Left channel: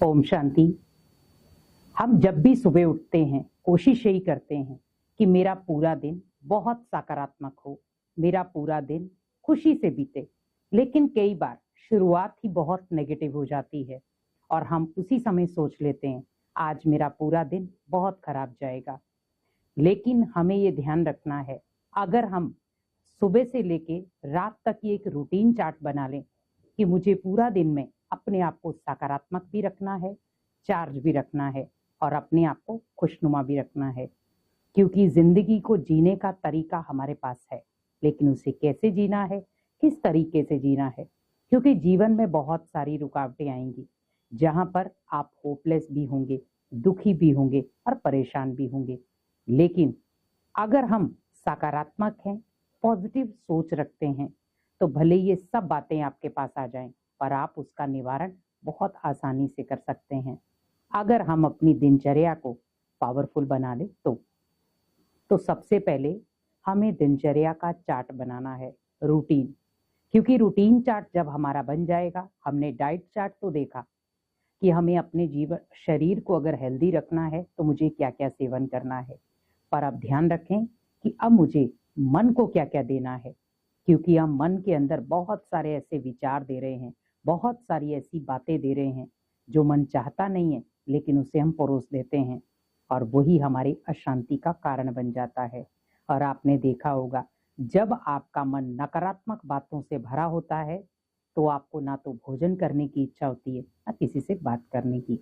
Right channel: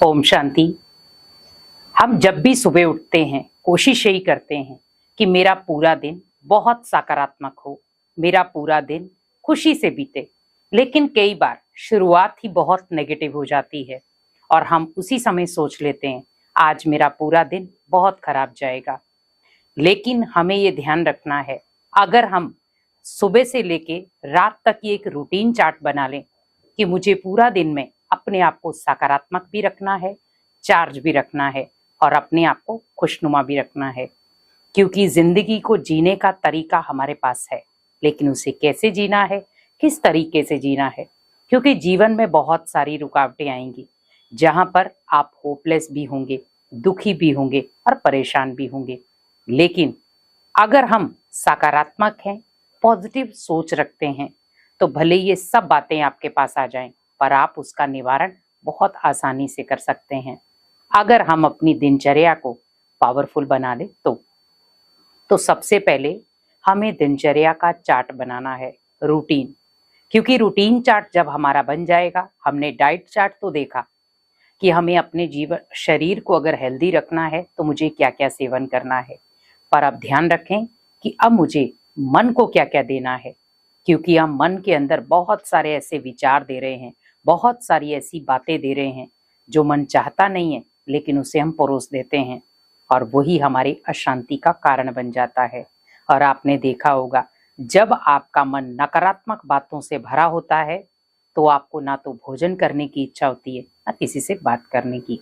ओम शांति। हम जब भी सुबह उठते हैं कोशिश यही करते हैं कि मेरा पूरा दिन बहुत सकारात्मक हो, मेरा पूरा दिन खुशी से बीते। लेकिन कई बार शुरुआत ही बहुत नेगेटिव हो जाती है और हम उसी समय सोच लेते हैं आज मेरा पूरा दिन बहुत खराब जाएगा। लेकिन हमें ये ध्यान रखना है, अगर हम सुबह से लेके रात तक ये एक रूटीन चार्ट बना लें कि मुझे पूरा दिन में अपने आप को सकारात्मक भी रखना है, चार्ज भी रखना है और अपने आप को खुशनुमा भी रखना है। क्योंकि जिंदगी को जीने का तरीका हमारे पास है, लेकिन उसे कैसे जीना है, किस तरीके से जीना है। क्योंकि जीवन में बहुत सारी रुकावटें आएंगी, जहां पर आप होपलेस भी होंगे, दुखी भी होंगे और परेशान भी होंगे। लेकिन अगर हम सकारात्मक हैं, पॉजिटिव सोच रखते हैं, तो भले ये सब बातें आपके पास आ जाएं, पर आप उसका निवारण बहुत आसानी से कर सकते हैं अगर हम अपनी दिनचर्या को पावरफुल बना लें। तो सबसे पहले हमें दिनचर्या का चार्ट बनाना है, रूटीन। क्योंकि रूटीन चार्ट जब हमारा बन जाएगा, हमने डाइट चार्ट तो देखा कि हमें अपने जीवन शरीर को अगर हेल्दी रखना है तो मुझे क्या क्या सेवन करना है, पर अब ध्यान रखें कि अब मुझे मन को क्या क्या देना है। क्योंकि हम मन के अंदर बहुत सारे ऐसे विचार दे रहे हैं, बहुत सारी ऐसी बातें दे रहे हैं जो मन चाहता नहीं है, लेकिन उसे हम परोस देते हैं और वही हमारी अशांति का कारण बन जाता है। और आपने देखा होगा, जब आपका मन नकारात्मक बातों से भरा होता है तो आपको ना तो भोजन करने की इच्छा होती है, ना किसी से बात करने की।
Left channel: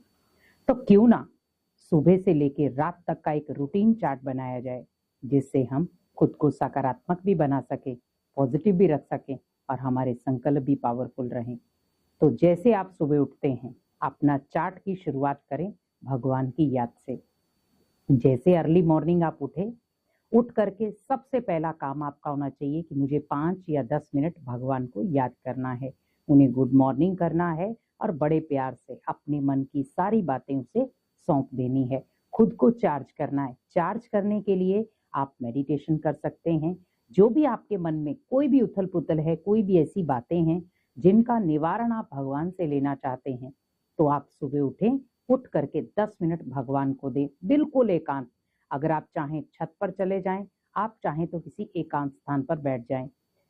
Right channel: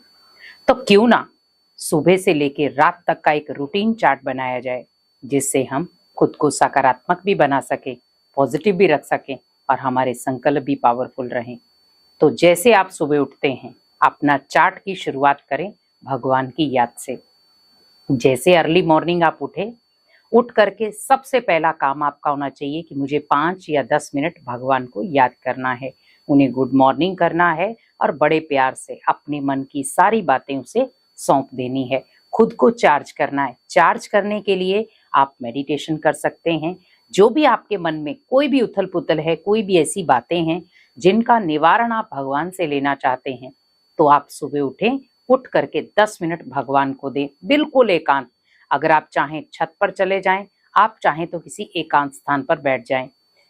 तो क्यों ना सुबह से लेकर रात तक का एक रूटीन चार्ट बनाया जाए, जिससे हम खुद को सकारात्मक भी बना सके, पॉजिटिव भी रख सकें और हमारे संकल्प भी पावरफुल रहें। तो जैसे आप सुबह उठते हैं, अपना चार्ट की शुरुआत करें भगवान की याद से। जैसे अर्ली मॉर्निंग आप उठ करके सबसे पहला काम आपका होना चाहिए कि मुझे 5 या 10 मिनट भगवान को याद करना है, उन्हें गुड मॉर्निंग करना है और बड़े प्यार से अपने मन की सारी बातें उसे सौंप देनी है। खुद को चार्ज करना है। चार्ज करने के लिए आप मेडिटेशन कर सकते हैं। जो भी आपके मन में कोई भी उथल पुथल है, कोई भी ऐसी बातें हैं जिनका निवारण आप भगवान से लेना चाहते हैं, तो आप सुबह उठ करके 10 मिनट भगवान को दें, बिल्कुल एकांत। अगर आप चाहें छत पर चले जाएं, आप चाहें तो किसी एकांत स्थान पर बैठ जाएं,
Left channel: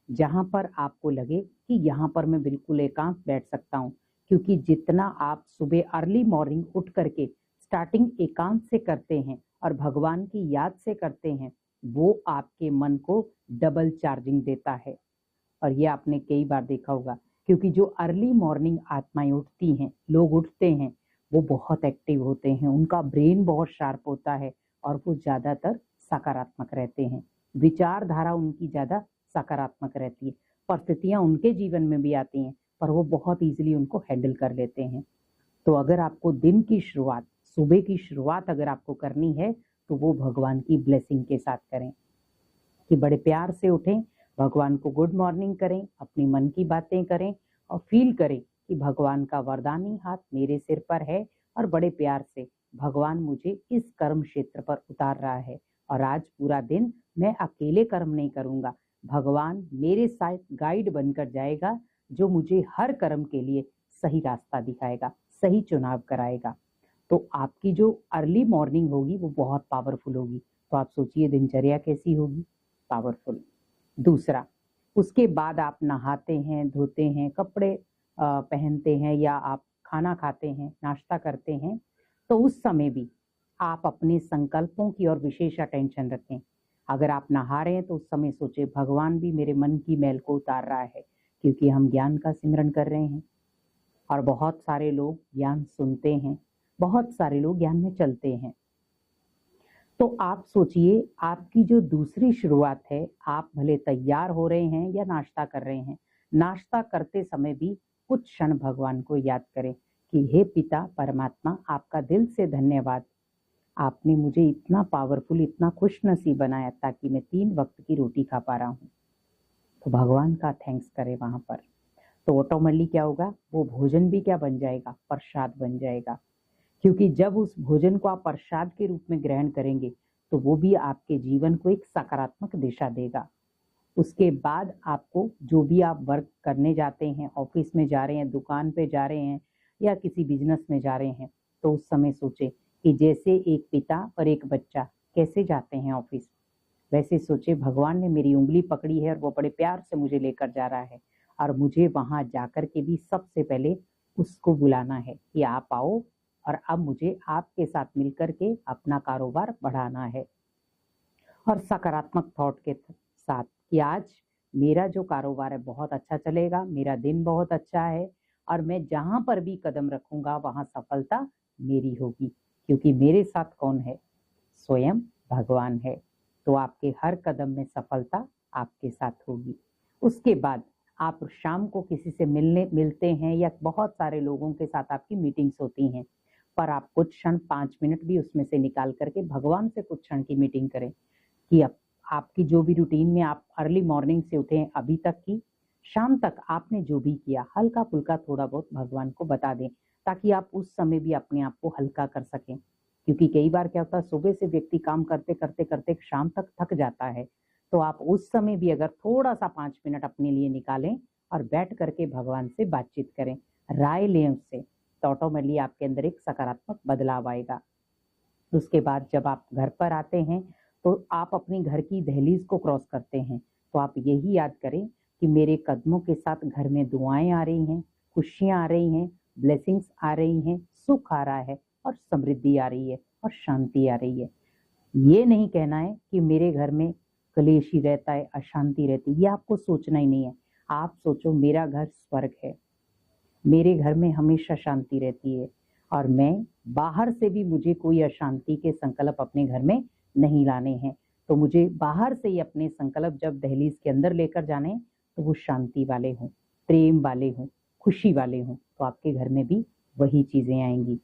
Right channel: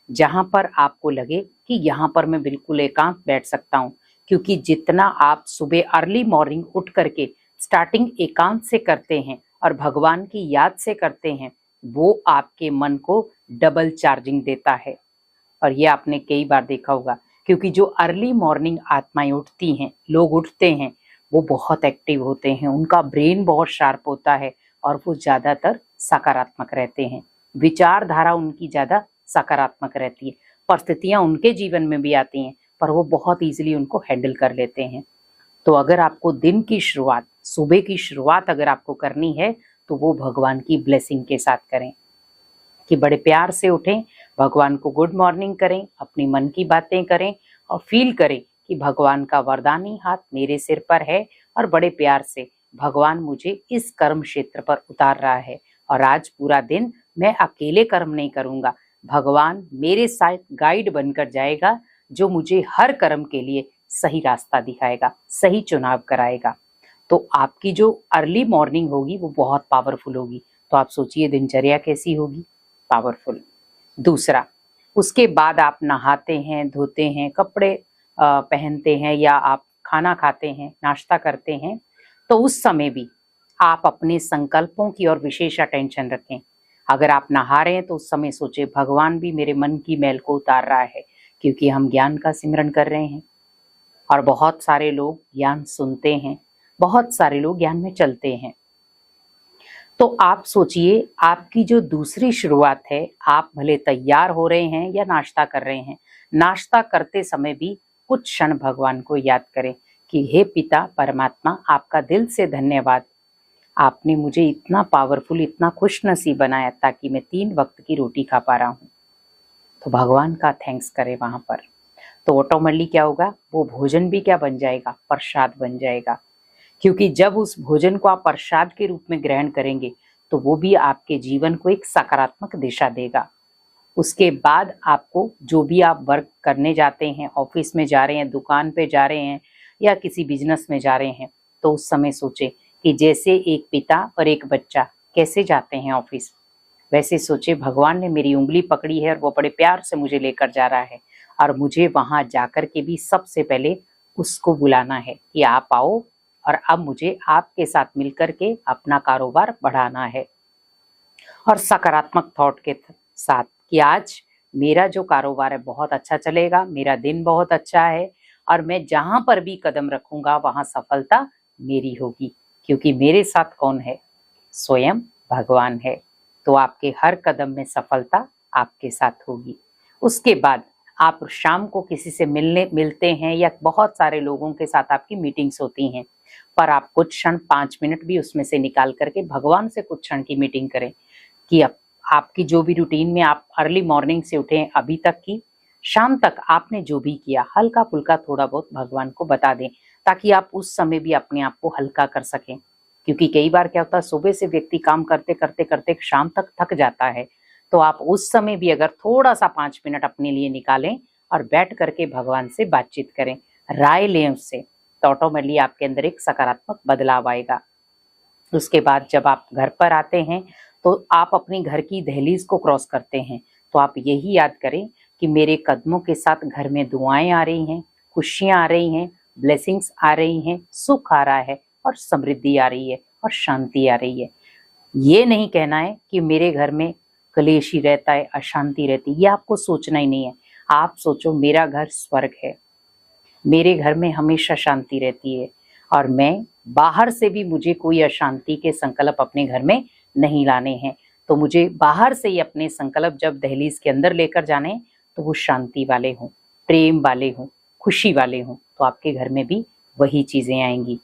जहां पर आपको लगे कि यहाँ पर मैं बिल्कुल एकांत बैठ सकता हूँ। क्योंकि जितना आप सुबह अर्ली मॉर्निंग उठ करके स्टार्टिंग एकांत से करते हैं और भगवान की याद से करते हैं, वो आपके मन को डबल चार्जिंग देता है। और ये आपने कई बार देखा होगा, क्योंकि जो अर्ली मॉर्निंग आत्माएं उठती हैं, लोग उठते हैं, वो बहुत एक्टिव होते हैं, उनका ब्रेन बहुत शार्प होता है और वो ज्यादातर सकारात्मक रहते हैं। विचारधारा उनकी ज्यादा सकारात्मक रहती है। परिस्थितियां उनके जीवन में भी आती हैं, पर वो बहुत इजीली उनको हैंडल कर लेते हैं। तो अगर आपको दिन की शुरुआत, सुबह की शुरुआत अगर आपको करनी है, तो वो भगवान की ब्लेसिंग के साथ करें कि बड़े प्यार से उठें, भगवान को गुड मॉर्निंग करें, अपनी मन की बातें करें और फील करें कि भगवान का वरदानी हाथ मेरे सिर पर है और बड़े प्यार से भगवान मुझे इस कर्म क्षेत्र पर उतार रहा है और आज पूरा दिन मैं अकेले कर्म नहीं करूंगा, भगवान मेरे साथ गाइड बनकर जाएगा, जो मुझे हर कर्म के लिए सही रास्ता दिखाएगा, सही चुनाव कराएगा। तो आपकी जो अर्ली मॉर्निंग होगी वो बहुत पावरफुल होगी। तो आप सोचिए दिनचर्या कैसी होगी, पावरफुल। दूसरा, उसके बाद आप नहाते हैं, धोते हैं, कपड़े पहनते हैं या आप खाना खाते हैं, नाश्ता करते हैं, तो उस समय भी आप अपने संकल्पों की ओर विशेष अटेंशन रखें। अगर आप नहा रहे हैं तो उस समय सोचे भगवान भी मेरे मन की मैल को उतार रहा है, क्योंकि हम ज्ञान का सिमरन कर रहे हैं। और बहुत सारे लोग ज्ञान सुनते हैं, बहुत सारे लोग ज्ञान में चलते हैं। तो आप सोचिए, आपकी जो दूसरी शुरुआत है, आप भले तैयार हो रहे हैं या नाश्ता कर रहे हैं, नाश्ता करते समय भी कुछ क्षण भगवान को याद करें कि हे पिता परमात्मा, आपका दिल से धन्यवाद, आपने मुझे इतना पावरफुल, इतना खुश नसीब बनाया ताकि मैं 3 वक्त की रोटी खा पा रहा हूँ। तो भगवान का थैंक्स करें वहां पर। तो ऑटोमेटिकली क्या होगा, वो भोजन भी क्या बन जाएगा, प्रसाद बन जाएगा। क्योंकि जब उस भोजन को आप प्रसाद के रूप में ग्रहण करेंगे, तो वो भी आपके जीवन को एक सकारात्मक दिशा देगा। उसके बाद आपको जो भी आप वर्क करने जाते हैं, ऑफिस में जा रहे हैं, दुकान पे जा रहे हैं, या किसी बिजनेस में जा रहे हैं, तो उस समय सोचे कि जैसे एक पिता और एक बच्चा कैसे जाते हैं ऑफिस, वैसे सोचे भगवान ने मेरी उंगली पकड़ी है और वो बड़े प्यार से मुझे लेकर जा रहा है, और मुझे वहां जाकर के भी सबसे पहले उसको बुलाना है कि आप आओ, और अब मुझे आपके साथ मिलकर के अपना कारोबार बढ़ाना है। और सकारात्मक थॉट के साथ कि आज मेरा जो कारोबार है बहुत अच्छा चलेगा, मेरा दिन बहुत अच्छा है, और मैं जहां पर भी कदम रखूंगा वहां सफलता मेरी होगी, क्योंकि मेरे साथ कौन है? स्वयं भगवान है। तो आपके हर कदम में सफलता आपके साथ होगी। उसके बाद आप शाम को किसी से मिलते हैं या बहुत सारे लोगों के साथ आपकी मीटिंग्स होती हैं, पर आप कुछ क्षण 5 मिनट भी उसमें से निकाल करके भगवान से कुछ क्षण की मीटिंग करें कि आपकी जो भी रूटीन में आप अर्ली मॉर्निंग से उठे अभी तक की शाम तक आपने जो भी किया हल्का फुल्का थोड़ा बहुत भगवान को बता दें, ताकि आप उस समय भी अपने आप को हल्का कर सकें। क्योंकि कई बार क्या होता है, सुबह से व्यक्ति काम करते करते करते शाम तक थक जाता है, तो आप उस समय भी अगर थोड़ा सा 5 मिनट अपने लिए निकालें और बैठ करके भगवान से बातचीत करें, राय लें उससे, तो ऑटोमेटिकली आपके अंदर एक सकारात्मक बदलाव आएगा। उसके बाद जब आप घर पर आते हैं तो आप अपनी घर की दहलीज को क्रॉस करते हैं, तो आप यही याद करें कि मेरे कदमों के साथ घर में दुआएं आ रही हैं, खुशियां आ रही हैं, ब्लेसिंग्स आ रही हैं, सुख आ रहा है और समृद्धि आ रही है और शांति आ रही है। ये नहीं कहना है कि मेरे घर में कलेश ही रहता है, अशांति रहती है, ये आपको सोचना ही नहीं है। आप सोचो मेरा घर स्वर्ग है, मेरे घर में हमेशा शांति रहती है, और मैं बाहर से भी मुझे कोई अशांति के संकल्प अपने घर में नहीं लाने हैं। तो मुझे बाहर से ही अपने संकल्प जब दहलीज के अंदर लेकर जाने हैं, तो वो शांति वाले हों, प्रेम वाले हों, खुशी वाले हों, तो आपके घर में भी वही चीजें आएंगी।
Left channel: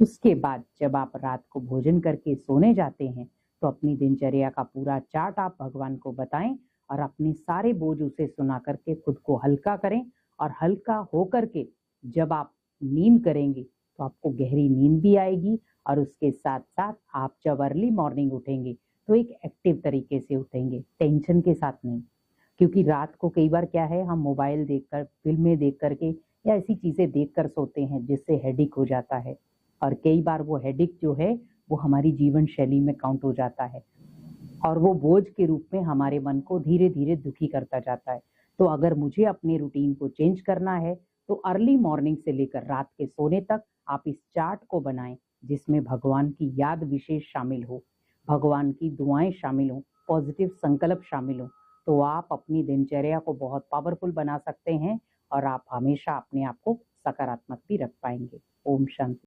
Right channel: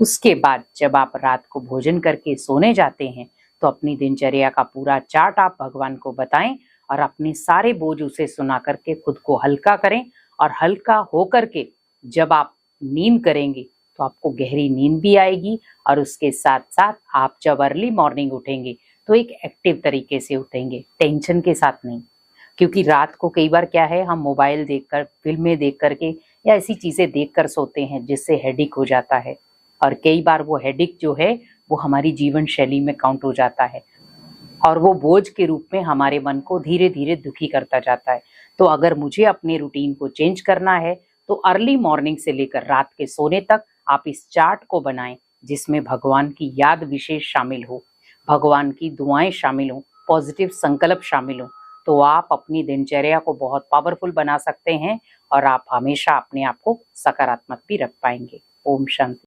उसके बाद जब आप रात को भोजन करके सोने जाते हैं, तो अपनी दिनचर्या का पूरा चार्ट आप भगवान को बताएं और अपने सारे बोझ उसे सुना करके खुद को हल्का करें। और हल्का होकर के जब आप नींद करेंगे तो आपको गहरी नींद भी आएगी, और उसके साथ साथ आप जब अर्ली मॉर्निंग उठेंगे तो एक एक्टिव तरीके से उठेंगे, टेंशन के साथ नहीं। क्योंकि रात को कई बार क्या है, हम मोबाइल देखकर, फिल्में देख करके या ऐसी चीजें देखकर सोते हैं जिससे हेडिक हो जाता है, और कई बार वो हेडिक जो है वो हमारी जीवन शैली में काउंट हो जाता है, और वो बोझ के रूप में हमारे मन को धीरे धीरे दुखी करता जाता है। तो अगर मुझे अपने रूटीन को चेंज करना है, तो अर्ली मॉर्निंग से लेकर रात के सोने तक आप इस चार्ट को बनाएं, जिसमें भगवान की याद विशेष शामिल हो, भगवान की दुआएं शामिल हो, पॉजिटिव संकल्प शामिल हो। तो आप अपनी दिनचर्या को बहुत पावरफुल बना सकते हैं, और आप हमेशा अपने आप को सकारात्मक भी रख पाएंगे। ओम शांति।